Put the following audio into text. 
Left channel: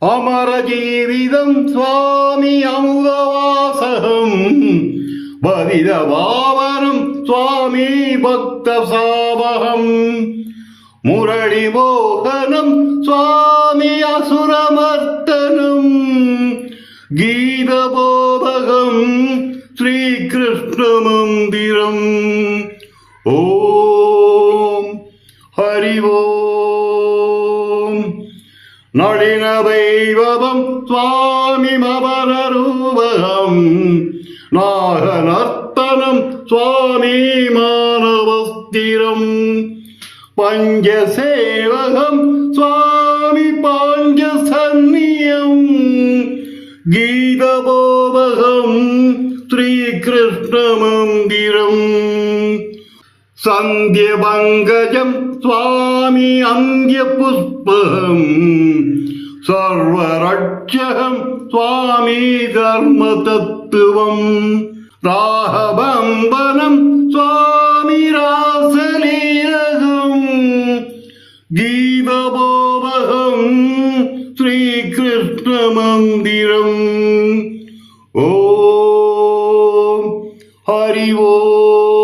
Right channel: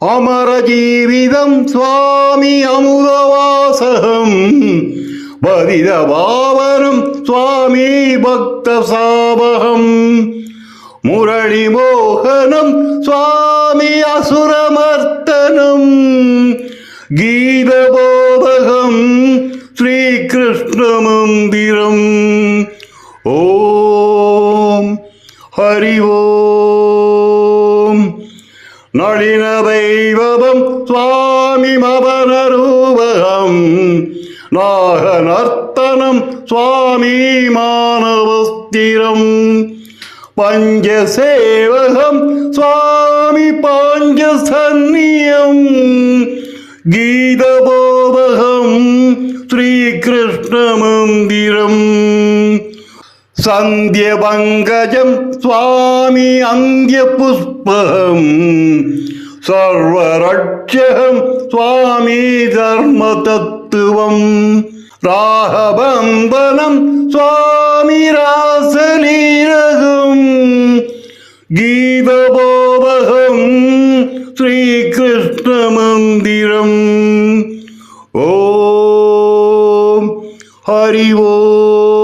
அமரஜீவிதம் சுவாமி அமுதவாசகம் பதிதபாவனம் சுவாமி பக்த சாபகம் முரளிமோகனம் சுவாமி அசுரமர்த்தனம் கீதபோதகம் ஸ்ரீகிருஷ்ண மந்திரம். ஓம் ஹரி ஓம். நளினதைவதம் சுவாமி மபனரூபகம் நாகநர்த்தனம் சுவாமி மானவஸ்திரம் பஞ்சசேவகம் சுவாமி பாஞ்சசன்னியம் கீதபோதகம் ஸ்ரீகிருஷ்ண மந்திரம். சந்தியபங்கஜம் சுவாமி அந்தியபுஷ்பகம் சர்வரட்சகம் சுவாமி தர்மதத்துவம் ராகபந்தனம் சுவாமி ராசலீலகம் கீதபோதகம் ஸ்ரீகிருஷ்ண மந்திரம். ஓம் ஹரி ஓம்.